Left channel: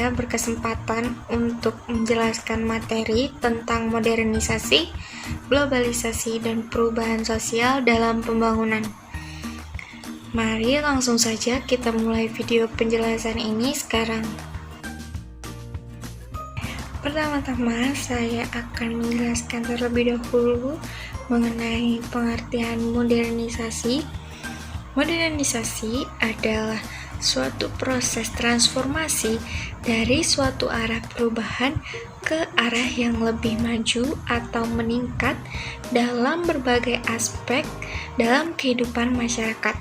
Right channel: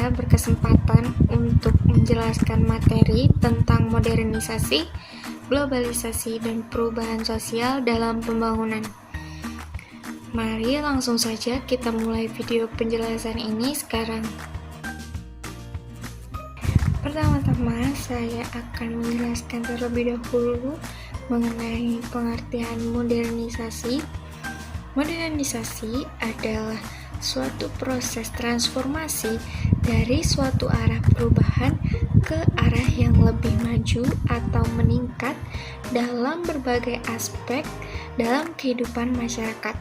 saya berkesempatan untuk menjelaskan materi tentang modernisasi, globalisasi, dan perubahan sosial dalam pembangunan. Mari langsung saja kita mulai video penjelasan ini sekarang. Pertama-tama, saya akan menjelaskan terlebih dahulu mengenai pengertian modernisasi. Modernisasi adalah suatu proses transformasi dari suatu arah perubahan ke arah yang lebih maju atau meningkat dalam berbagai aspek dalam kehidupan masyarakat.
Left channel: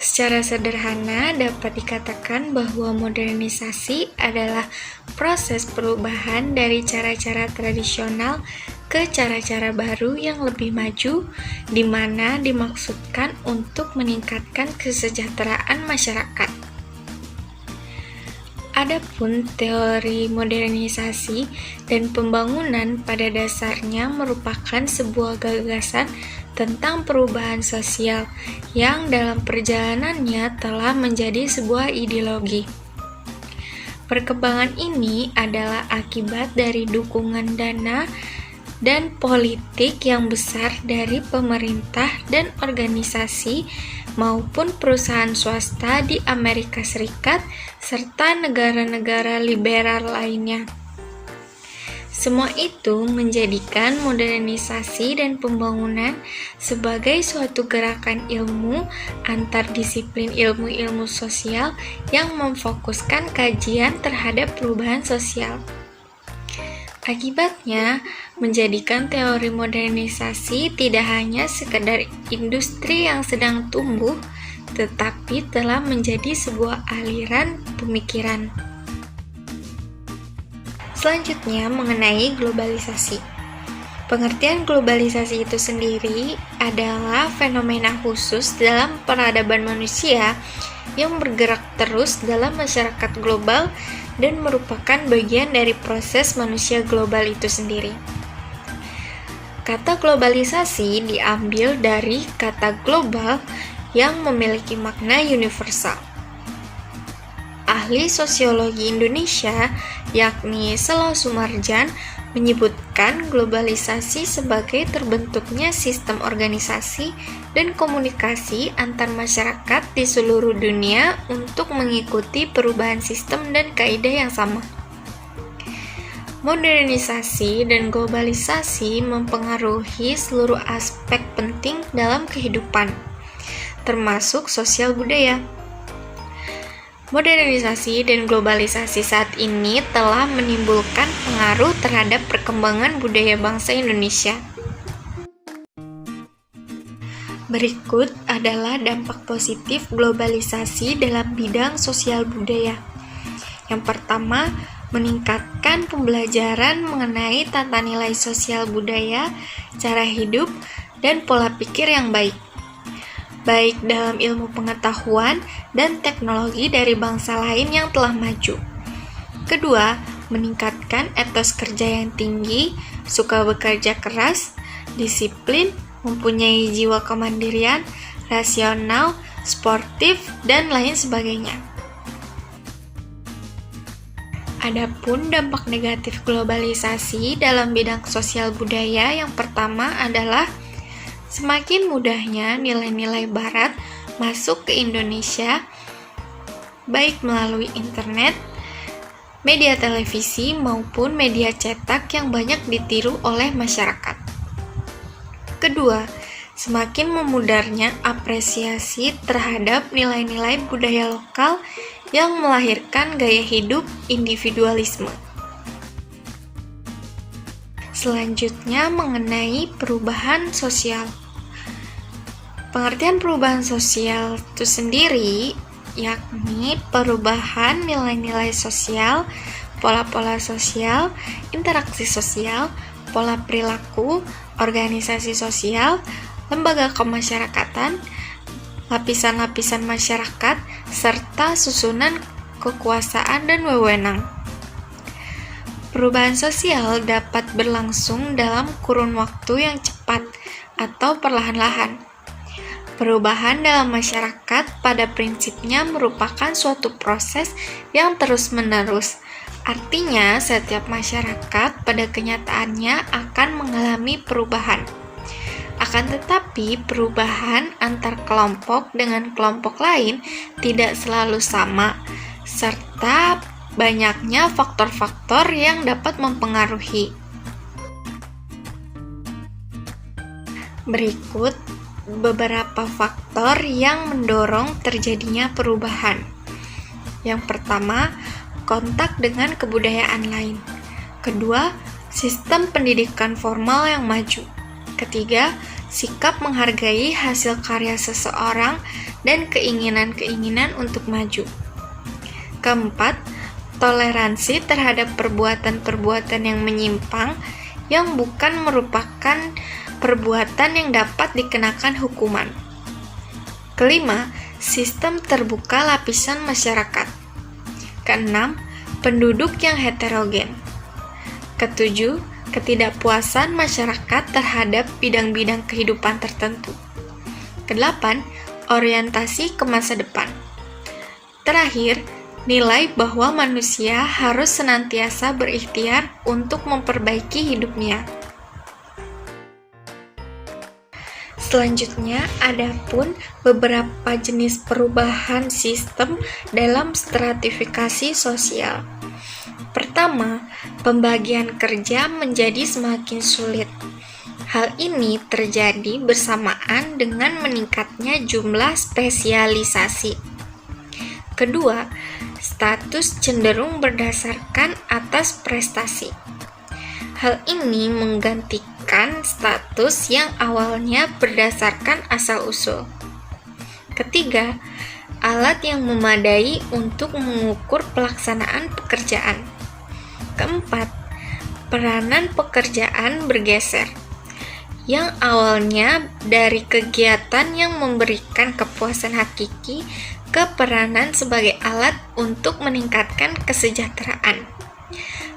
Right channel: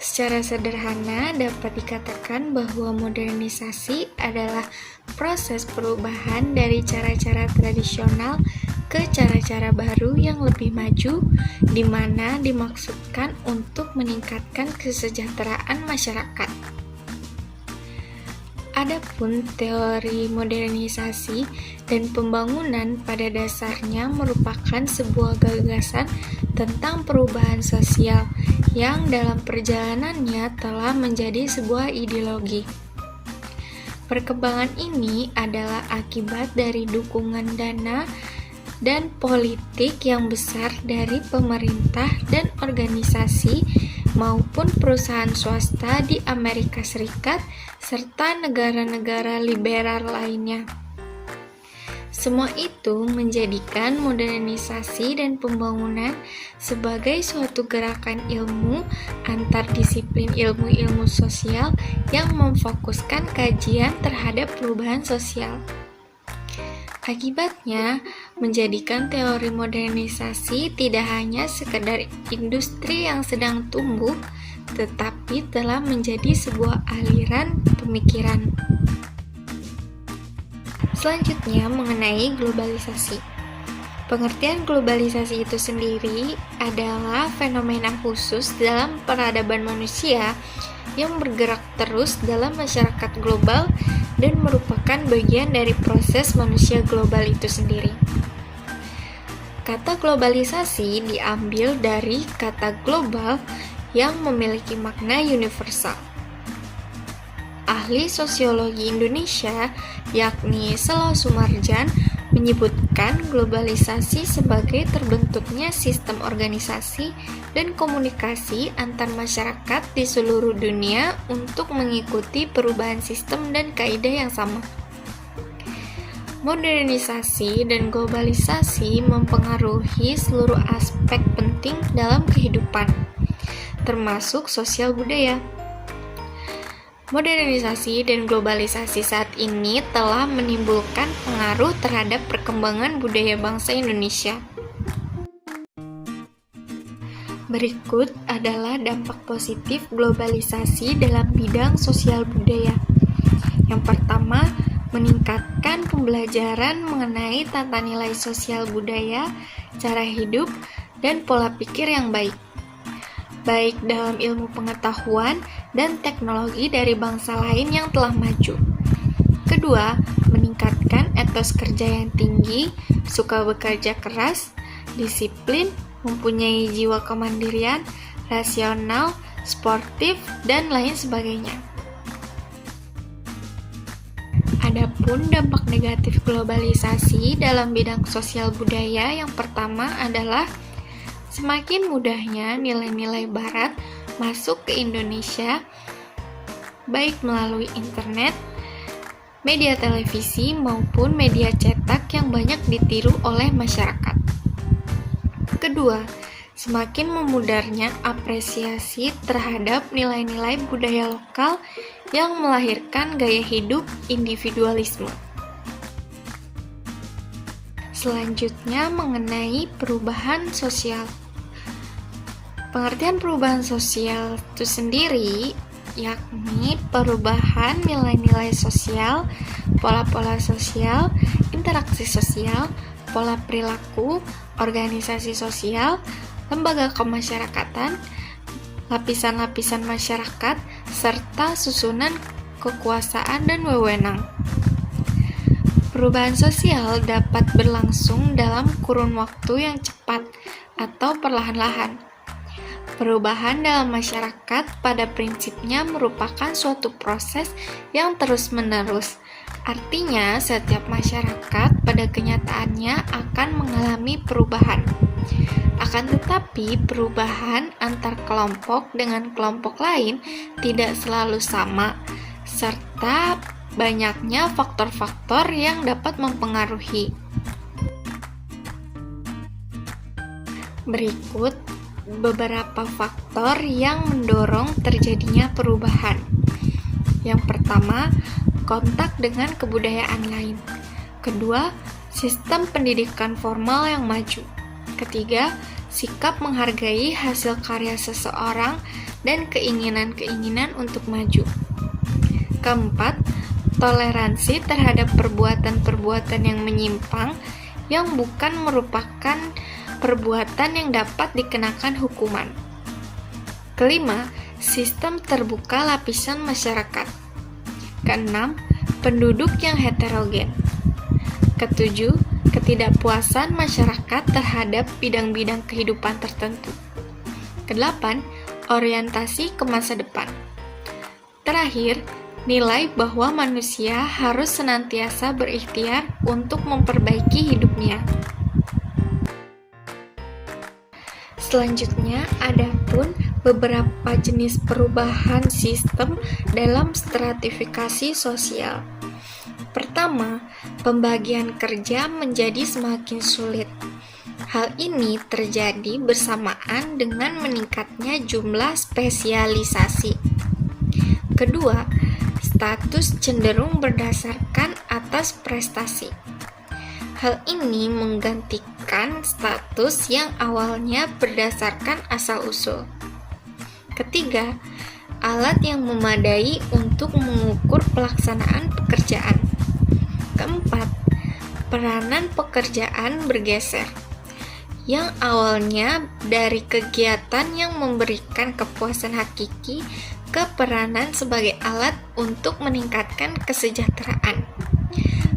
Secara sederhana dapat dikatakan bahwa modernisasi adalah proses perubahan dari cara-cara tradisional ke cara-cara baru yang lebih maju, di mana dimaksudkan untuk meningkatkan kesejahteraan masyarakat. Adapun teori modernisasi dan pembangunan pada dasarnya merupakan sebuah gagasan tentang perubahan sosial yang dalam perjalanannya telah menjadi sebuah ideologi. Perkembangan ini adalah akibat dari dukungan dana dan politik yang besar dari pemerintah dan organisasi maupun perusahaan swasta di Amerika Serikat serta negara-negara liberal lainnya. Semua itu menjadikan modernisasi dan pembangunan sebagai suatu gerakan ilmu antar disiplin ilmu-ilmu sosial yang memfokuskan kajian terhadap perubahan sosial. Akibatnya, menjadikan teori modernisasi tidak hanya sekedar industri yang sedang tumbuh, tetapi telah menjadi sebuah aliran pemikiran. Selanjutnya, mengenai globalisasi. Pengertian globalisasi itu sendiri adalah fenomena khusus dalam peradaban manusia yang bergerak terus dalam masyarakat global dan merupakan bagian dari proses manusia global itu sendiri. Kata globalisasi diambil dari kata global yang memiliki makna universal. Ahli sosiologi Indonesia, yakni Sela Sumarjan, menyebutkan globalisasi sebagai terbentuknya sistem organisasi dan komunikasi antar masyarakat di seluruh dunia untuk mengikuti perubahan sistem dan kaidah yang sama. Modernisasi dan globalisasi mempengaruhi seluruh aspek penting dalam kehidupan, termasuk sosial budaya. Modernisasi dan globalisasi saat ini telah menimbulkan pengaruh terhadap perkembangan budaya bangsa Indonesia. Berikut adalah dampak positif globalisasi dalam bidang sosial budaya. Yang pertama, meningkatkan pembelajaran mengenai tata nilai sosial budaya, cara hidup, dan pola pikir yang baik dalam ilmu pengetahuan dan teknologi dari bangsa lain yang telah maju. Kedua, meningkatkan etos kerja yang tinggi, suka bekerja keras, disiplin, mempunyai jiwa kemandirian, rasional, sportif, dan lain sebagainya. Adapun dampak negatif globalisasi dalam bidang sosial budaya yang pertama adalah semakin mudahnya nilai-nilai barat masuk ke Indonesia, baik melalui internet, media televisi, maupun media cetak yang banyak ditiru oleh masyarakat. Kedua, semakin memudarnya apresiasi terhadap nilai-nilai budaya lokal yang melahirkan gaya hidup individualisme. Selanjutnya, mengenai perubahan sosial. Pengertian perubahan sosial itu sendiri yakni perubahan nilai-nilai sosial, pola-pola sosial, interaksi sosial, pola perilaku, organisasi sosial, lembaga kemasyarakatan, lapisan-lapisan masyarakat, serta susunan kekuasaan dan wewenang. Perubahan sosial dapat berlangsung dalam kurun waktu yang cepat atau perlahan-lahan. Perubahan dalam masyarakat pada prinsipnya merupakan suatu proses yang terus-menerus. Artinya, setiap masyarakat pada kenyataannya akan mengalami perubahan. Akan tetapi, perubahan antar kelompok dengan kelompok lain tidak selalu sama, serta banyaknya faktor-faktor yang dapat mempengaruhi. Berikut beberapa faktor yang mendorong terjadinya perubahan. Yang pertama, kontak dengan kebudayaan lain. Kedua, sistem pendidikan formal yang maju. Ketiga, sikap menghargai hasil karya seseorang dan keinginan-keinginan untuk maju. Keempat, toleransi terhadap perbuatan-perbuatan yang menyimpang yang bukan merupakan perbuatan yang dapat dikenakan hukuman. Kelima, sistem terbuka lapisan masyarakat. Keenam, penduduk yang heterogen. Ketujuh, ketidakpuasan masyarakat terhadap bidang-bidang kehidupan tertentu. Kedelapan, orientasi ke masa depan. Terakhir, nilai bahwa manusia harus senantiasa berikhtiar untuk memperbaiki hidupnya. Selanjutnya, ada pun beberapa jenis perubahan sistem dalam stratifikasi sosial. Pertama, pembagian kerja menjadi semakin sulit. Hal ini terjadi bersamaan dengan meningkatnya jumlah spesialisasi. Kedua, status cenderung berdasarkan atas prestasi. Hal ini menggantikan status yang awalnya berdasarkan asal-usul. Ketiga, alat yang memadai untuk mengukur pelaksanaan pekerjaan. Keempat, peranan pekerjaan bergeser. Yang awalnya dari kegiatan yang memberikan kepuasan hakiki ke peranan sebagai alat untuk meningkatkan kesejahteraan.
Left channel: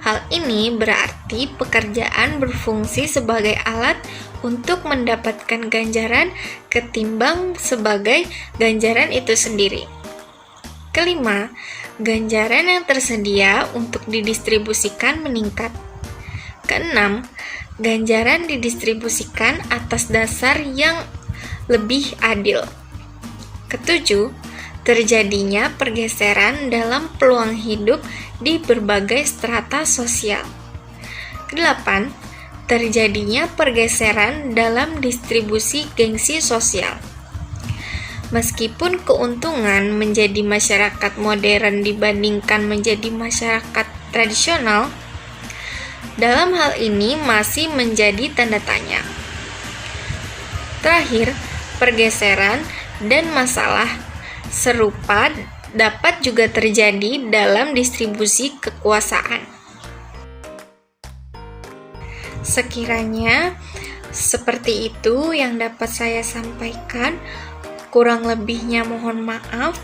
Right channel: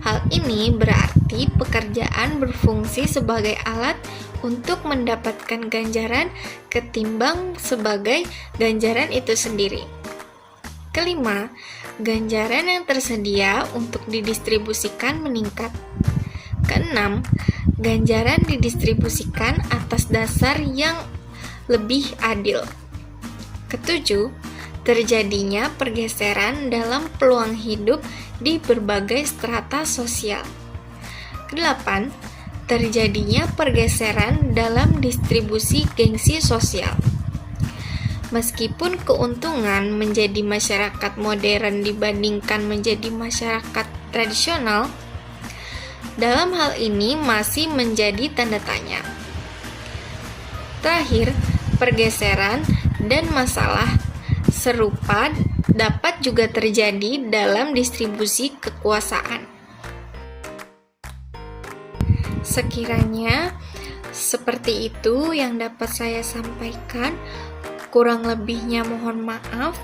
Hal ini berarti pekerjaan berfungsi sebagai alat untuk mendapatkan ganjaran ketimbang sebagai ganjaran itu sendiri. Kelima, ganjaran yang tersedia untuk didistribusikan meningkat. Keenam, ganjaran didistribusikan atas dasar yang lebih adil. Ketujuh, terjadinya pergeseran dalam peluang hidup di berbagai strata sosial. Kedelapan, terjadinya pergeseran dalam distribusi gengsi sosial. Meskipun keuntungan menjadi masyarakat modern dibandingkan menjadi masyarakat tradisional, dalam hal ini masih menjadi tanda tanya. Terakhir, pergeseran dan masalah serupa dapat juga terjadi dalam distribusi kekuasaan. Sekiranya seperti itu yang dapat saya sampaikan, kurang lebihnya mohon maaf.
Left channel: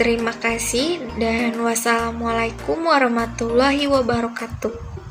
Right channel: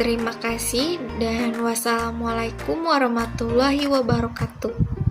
Terima kasih dan wassalamualaikum warahmatullahi wabarakatuh.